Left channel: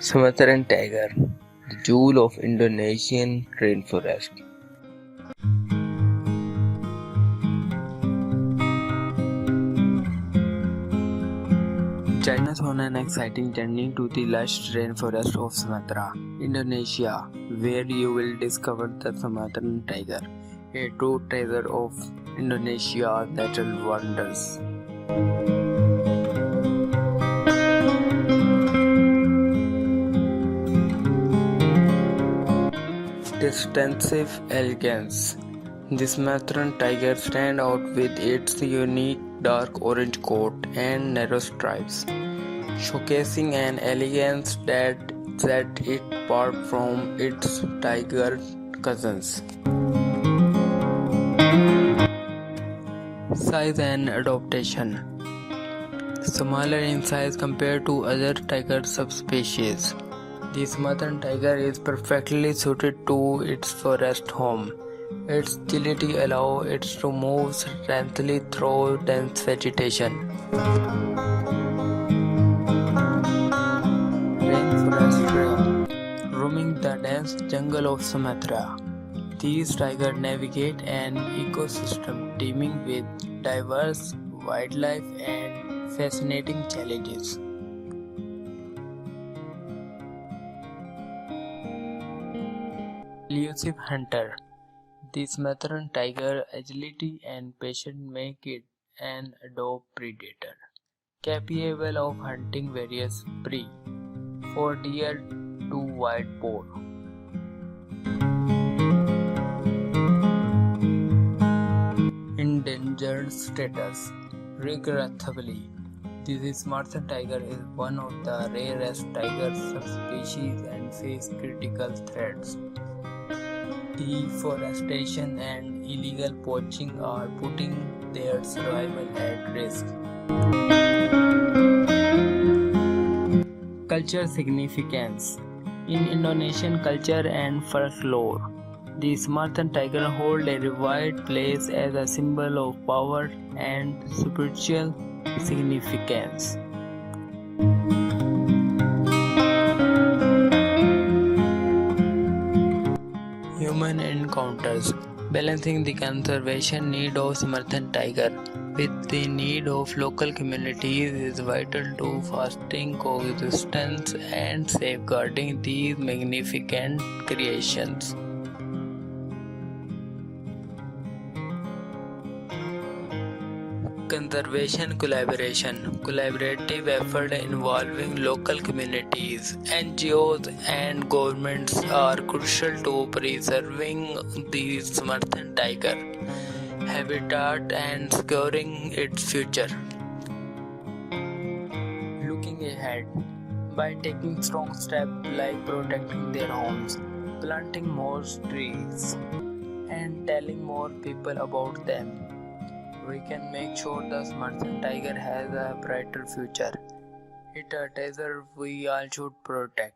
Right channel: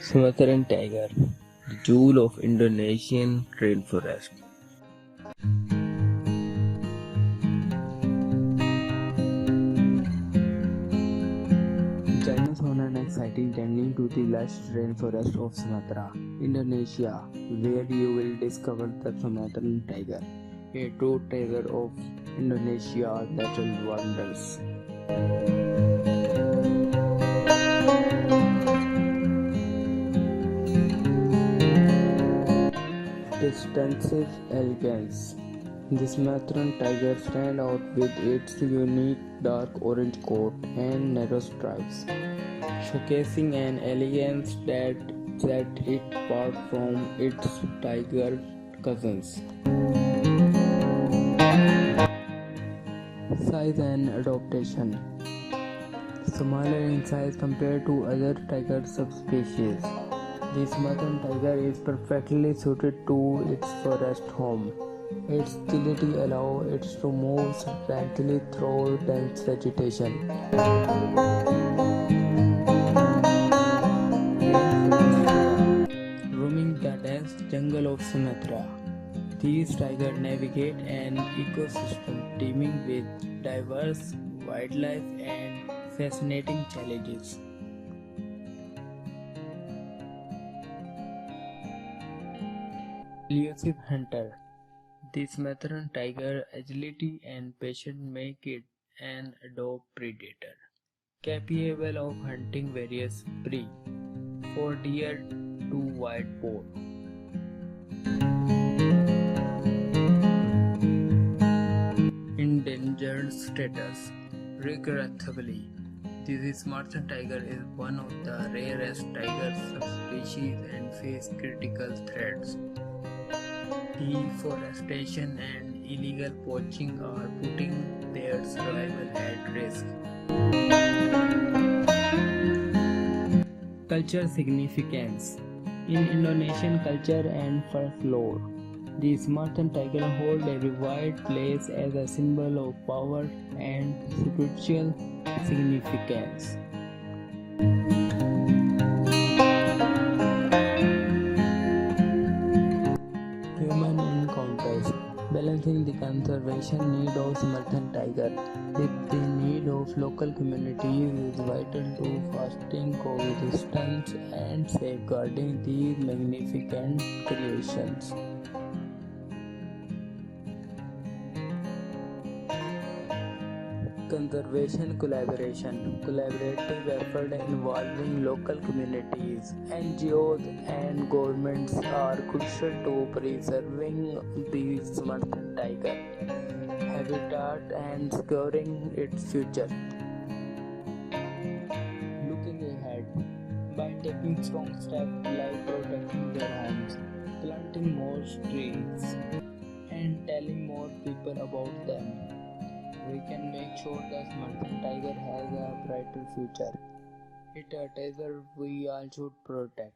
Sumatran Tiger, the jewel of Indonesian rainforest. Join us on an exciting journey to the lush rainforest of Sumatra, Indonesia, where you will discover the Sumatran Tiger, a true treasure of Indonesia's natural wonders. Distinctive elegance. The Sumatran tiger stands out with its unique dark orange coat and narrow stripes, showcasing an elegance that sets it apart from its tiger cousins. Size and adaptation. Smaller in size compared to other tiger subspecies, the Sumatran tiger is perfectly suited to its forest home. Its agility allows it to move silently through dense vegetation. Rainforest. Roaming the dense jungle of Sumatra, these tigers navigate an ecosystem teeming with diverse wildlife and fascinating challenges. Elusive hunter. The Sumatran tiger agility and patience make it an adopt predator, capable of hunting various prey, from deer to wild boar. Endangered status. Regrettably, the Sumatran tiger is one of the rarest tiger subspecies and faces critical threats. Deforestation and illegal poaching are putting their survival at risk. Cultural significance. In Indonesian culture and folklore, the Sumatran tiger holds a revered place as a symbol of power and spiritual significance. Human encounters. Balancing the conservation need of Sumatran tiger with the need of local communities is vital to fostering coexistence and safeguarding these magnificent creations. Conservation collaboration. Collaborative effort involving local communities, NGOs and governments are crucial to preserving the Sumatran tiger habitat and securing its future. Looking ahead, by taking strong steps like protecting their homes, planting more trees, and telling more people about them, we can make sure the Sumatran tiger has a brighter future. It's a treasure we all should protect.